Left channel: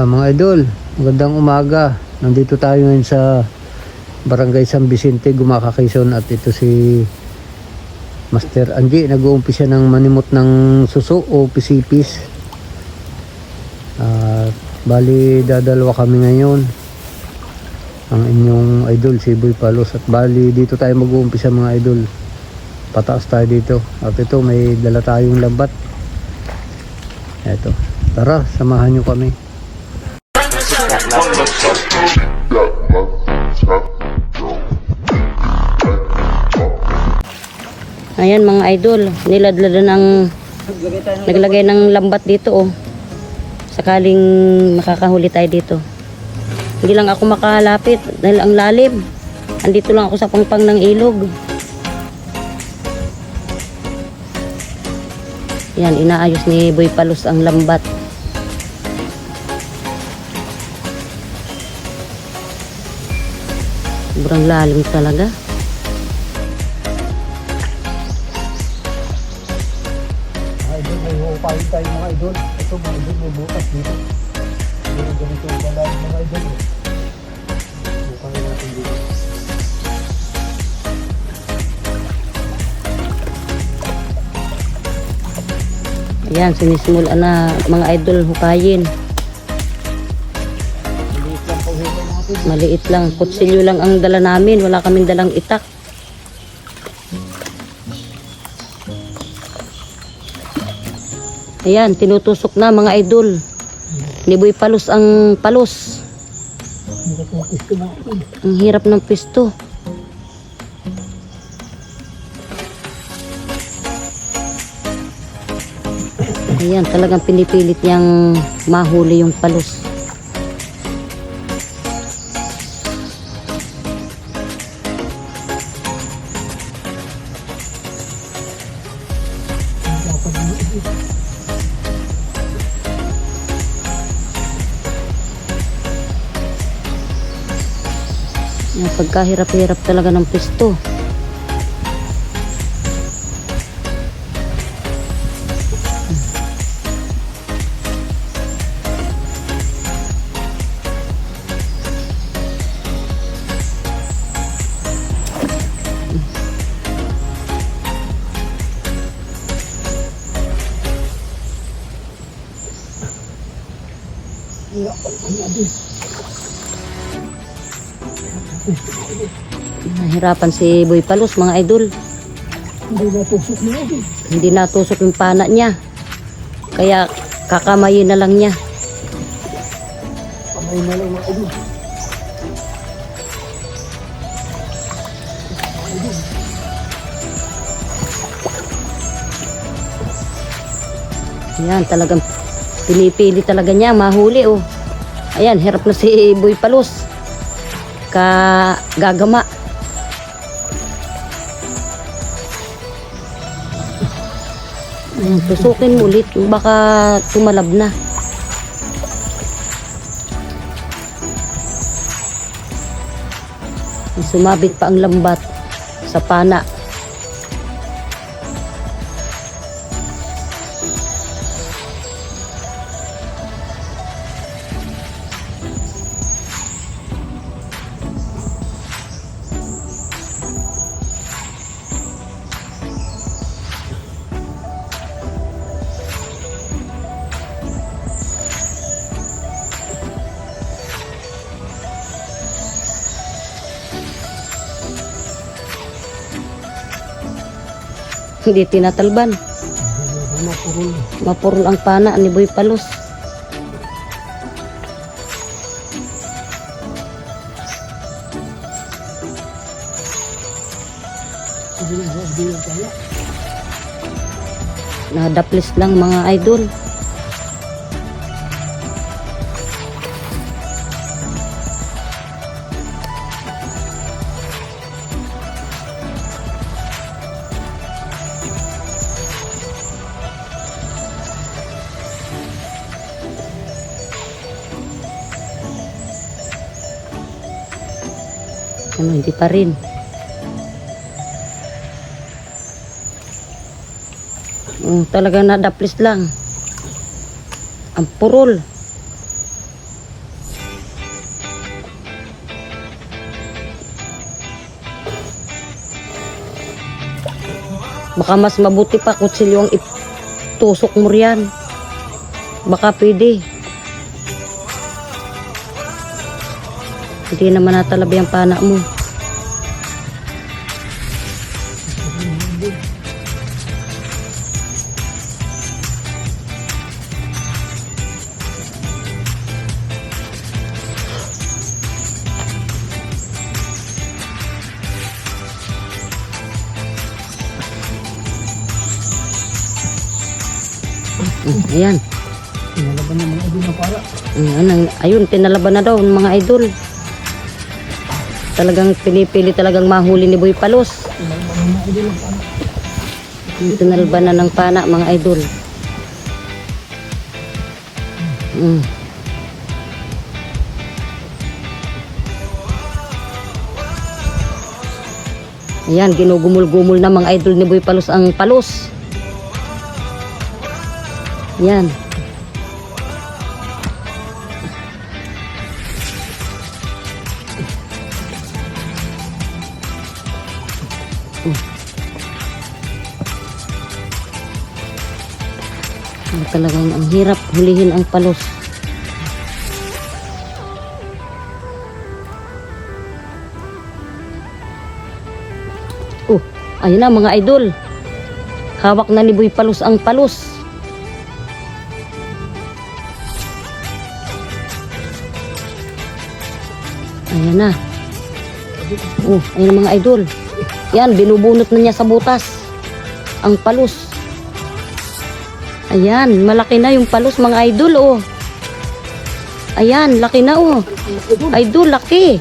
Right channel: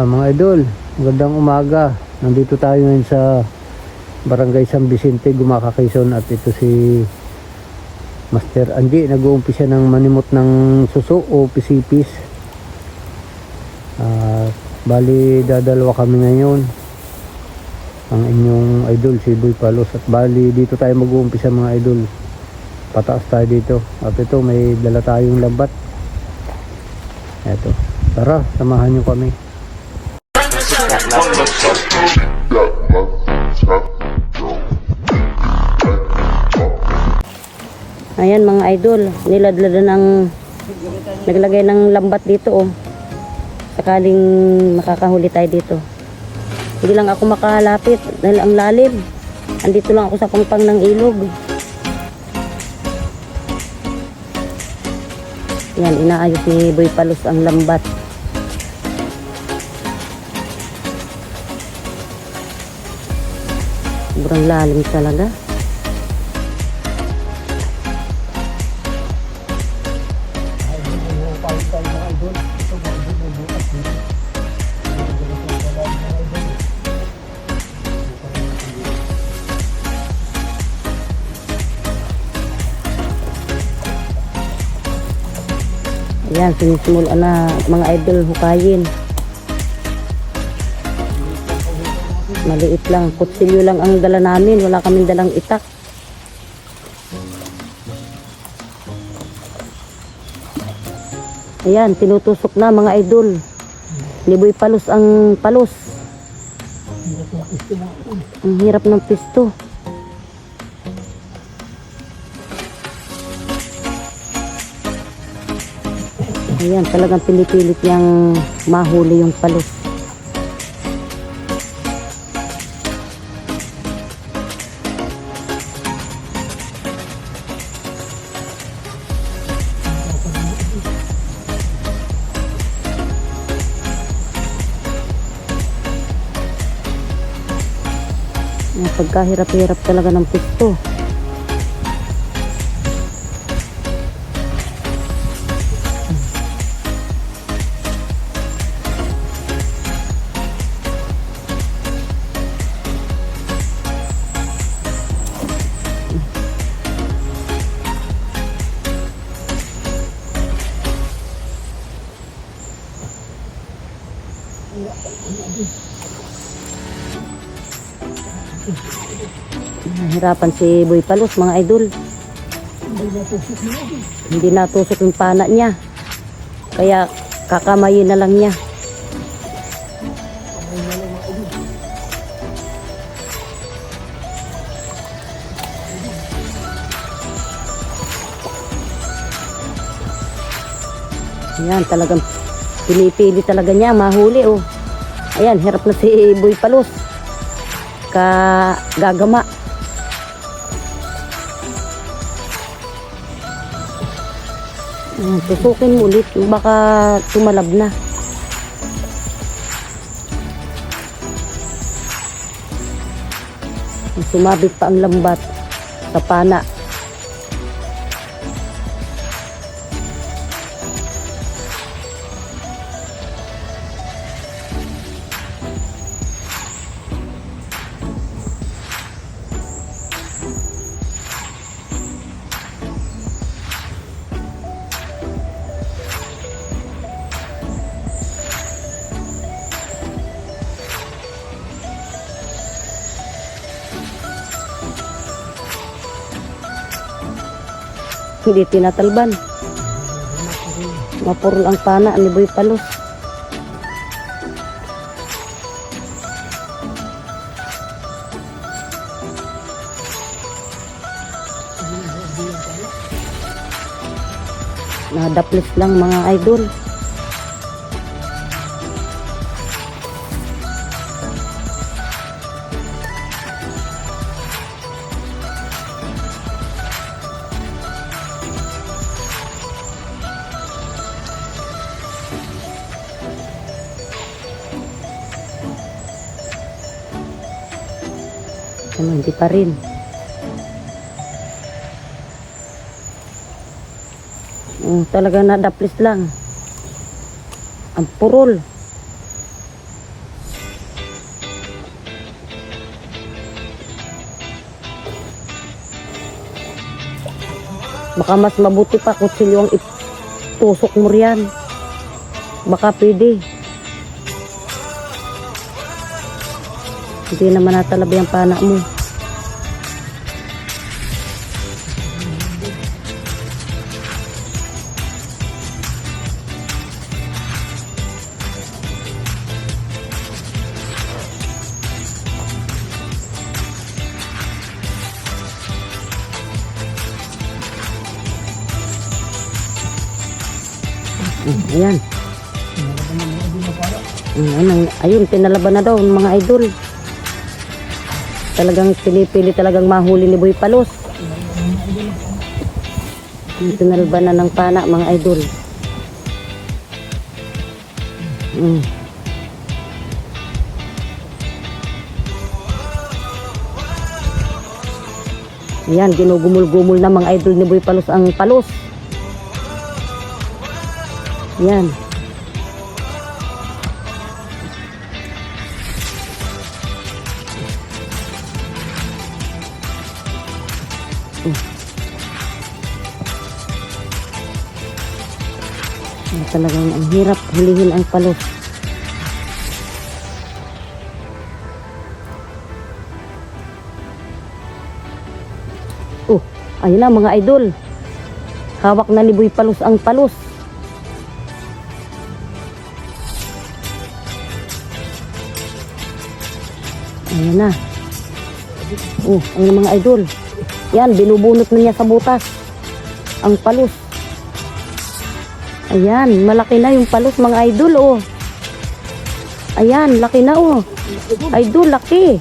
Mga idol, magandang umaga. Nandito tayo ngayon sa Barangay San Vicente, Gumaca, Quezon. At ito si Master Andy, nag-uumpisa ng manimot ng suso o pisipis. Bali dadalawa kami ngayon, ang inyong idol si Boy Palos. At bali dito tayo mag-uumpisa mga idol, pataas tayo dito. At ito may dala tayong lambat. Eto, tara samahan nyo kami. Ayan mga idol, niladlada ng naglagay ng lambat dito sakaling makakahuli tayo dito. Hindi lang ako makalapit dahil ang lalim. Andito lang ako sa pangpang ng ilog. Yan, inaayos ni Boy Palos ang lambat. Sobrang lalim talaga. Tayo mga idol, ito mga idol may bukas dito. Ganito yung lalim mga idol. Bukas natin dito. Yan, sinisimulan na mga idol hukayin. Maliit lang, kutsilyo lang ang dala namin, wala kaming dalang itak. Ayan, tinutusok na mga idol ni Boy Palos ang palos. Ang hirap ng pisto. Ayan, talagang pinipilit niyang mahuli yung palos. Pagkahirap-hirap talaga ng pisto. Nahirapan si Boy Palos mga idol. Hindi natusok yung pana niya. Kaya kakamayin na lang niya. Kamay na lang mga idol. Ayan, talagang pinipili talaga niya mahuli Ayan, hirap na si Boy Palos. Gagama. Tusukin mo ulit, baka tumalab na. Sumabit pa ang lambat sa pana. Hindi tinatalban. Mapurol ang pana ni Boy Palos. Nadaplis lang mga idol. Hindi pa rin. Talagang nadaplis lang. Ang purol. Baka mas mabuti pa kutsilyo ang itusok mo riyan. Baka pwede. Hindi naman natalabi ang pana mo. Ayan. Tinalaban ng mga idol na pala. Ayun, tinalaban na daw ng mga idol. Talagang pinipili talagang mahuli ni Boy Palos. Tinalaban na ng pana mga idol. Ayan, ginugumul-gumul na mga idol ni Boy Palos ang palos. Yan. Talagang ang hirap hulihin ang palos. Ayun na mga idol. Hawak na ni Boy Palos ang palos. Ayan na. Ayan mga idol. Yan, binubunot na niya sa butas ang palos. Ayan, malaki na yung palos mga idol, Ayan, laki na, Idol, laki.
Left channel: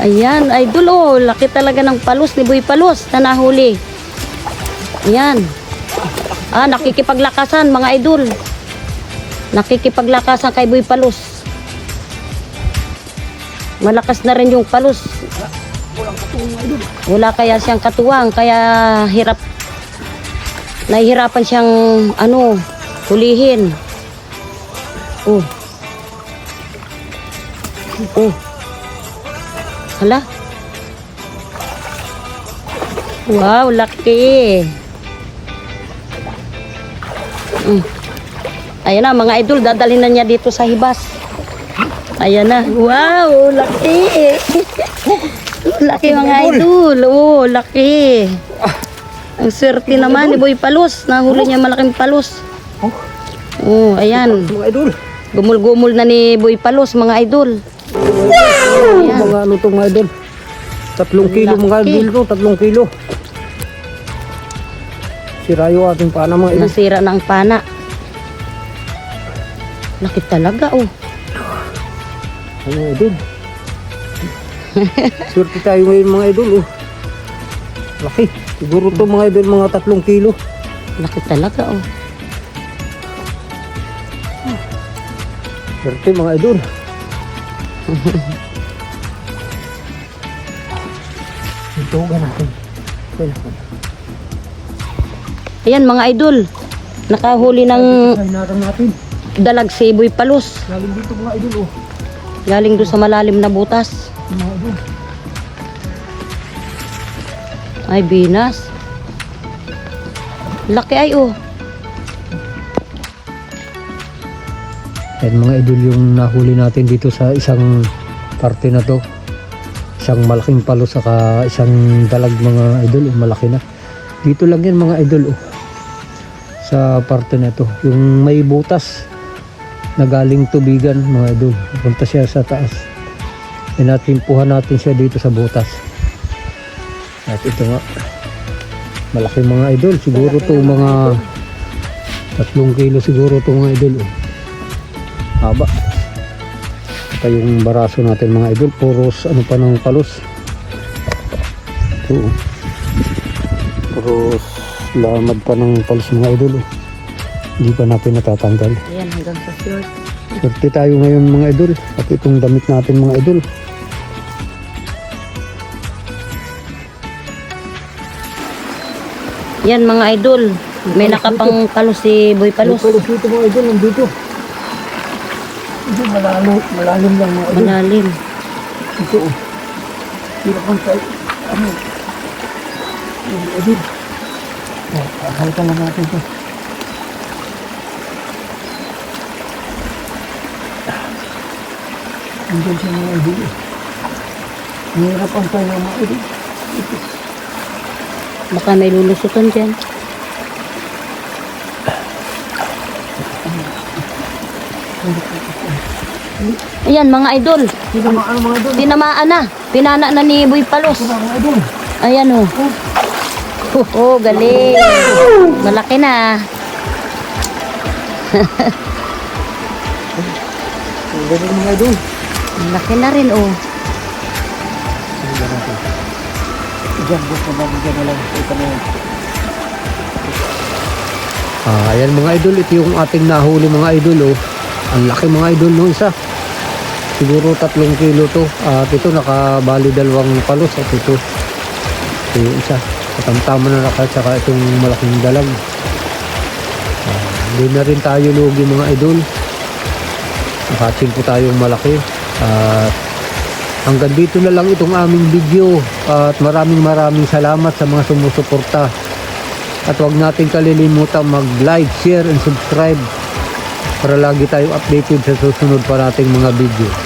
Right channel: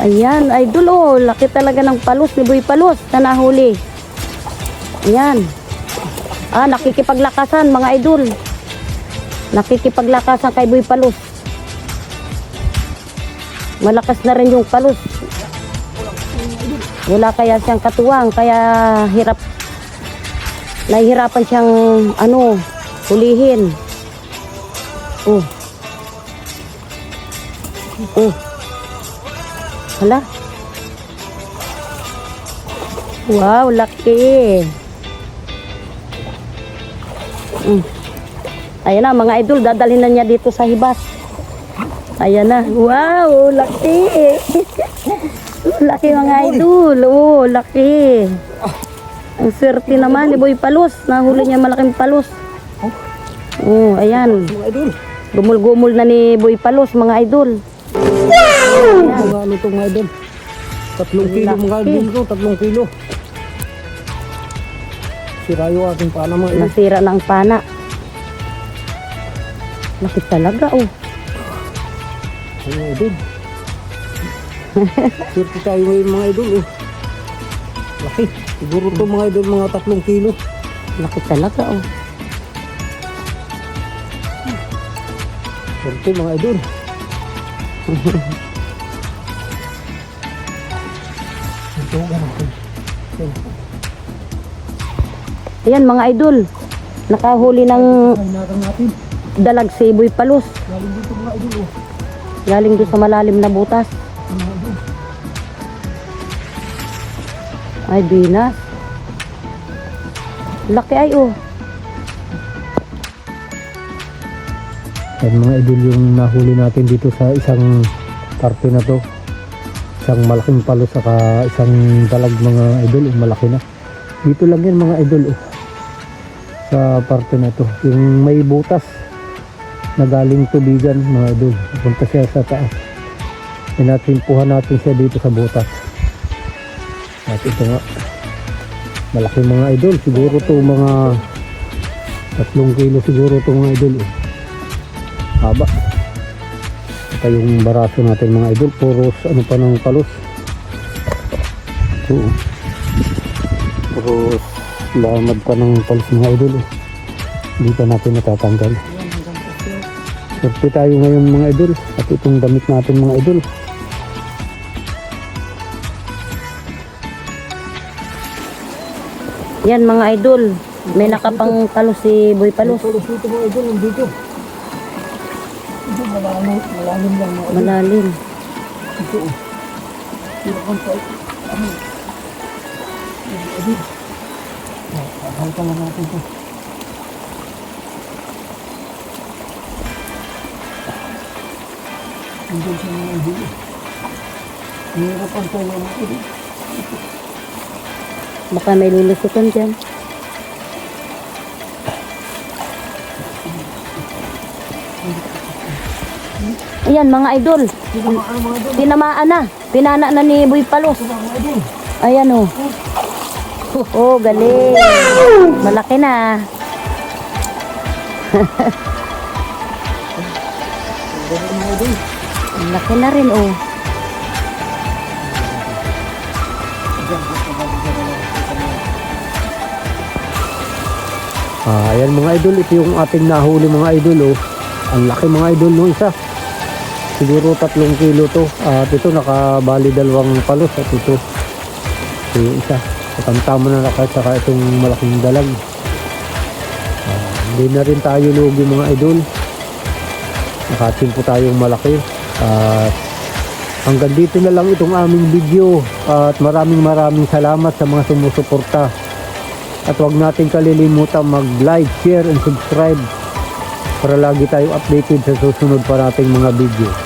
Ayan, idol, laki talaga ng palos ni Boy Palos na nahuli. Ayan. Nakikipaglakasan mga idol. Nakikipaglakasan kay Boy Palos. Malakas na rin yung palos. Wala kaya siyang katuwang, kaya nahihirapan siyang hulihin. Hala. Wow, laki. Ayan na mga idol, dadalhin na niya dito sa hibas. Ayan na. Wow, laki. Laki mga idol. Laki. Ang swerte naman ni Boy Palos. Nahuli niya malaking palos. Ayan. Mga idol. Gumul-gumul na ni Boy Palos mga idol. Wow! Mga ano to mga idol. 3 kilo mga idol to. 3 kilo. Sira yung ating pana mga idol. Nasira na ang pana. Laki talaga Mga idol. Swerte tayo ngayon mga idol Laki. Siguro to mga idol mga 3 kilo. Laki talaga Swerte mga idol. Ito natin. Ayan mga idol. Nakahuli ng natin. dalag si Boy Palos. Galing dito mga idol Galing doon sa malalim na butas. Mga idol. Ay, binas. Laki ay Yan mga idol yung nahuli natin dito sa isang parte na to. Isang malaking palo saka isang dalag mga idol. Malaki na. Dito lang yan mga idol sa parte na to. Yung may butas na galing tubigan mga idol. Punta siya sa taas. Pinatimpuhan natin siya dito sa butas. At ito nga. Malaki mga idol. Siguro to mga 3 kilo siguro to mga idol haba. Ito yung baraso natin mga idol. Puros pa ng palos. Puros lamad pa ng palos mga idol Hindi pa natin natatanggal. Ayan, hanggang sa short. Swerte tayo ngayon mga idol. At itong damit natin mga idol. Yan mga idol. May nakapang palos si Boy Palos. Palos dito mga idol. Nandito. Ito malalim lang mga idol. Malalim. Ito Hindi pa tayo. Idol. Halikan lang natin to. Andun siya mga idol. Mahirap ang tayo mga idol. Baka may lulusutan dyan. Ayan mga idol. Tinamaan mga idol. Tinamaan na. Pinana na ni Boy Palos. Mga idol. Ayan o. Oh, galing. Malaki na. Ang galing mga idol. Malaki na rin oh. Diyan, gusto na dyan na lang. Ito na yan. Ayan mga idol, ito yung ating nahuli mga idol oh. Ang laki mga idol no isa. Siguro 3 kilo to. At ito nakabali 2 palos at ito yung isa. Katantama na naka tsaka itong malaking dalag. Hindi na rin tayo lugi mga idol. Nakating po tayong malaki. At hanggang dito na lang itong aming video. At maraming salamat sa mga sumusuporta. At huwag natin kalilimutan mag-like, share, and subscribe para lagi tayo updated sa susunod pa nating mga video.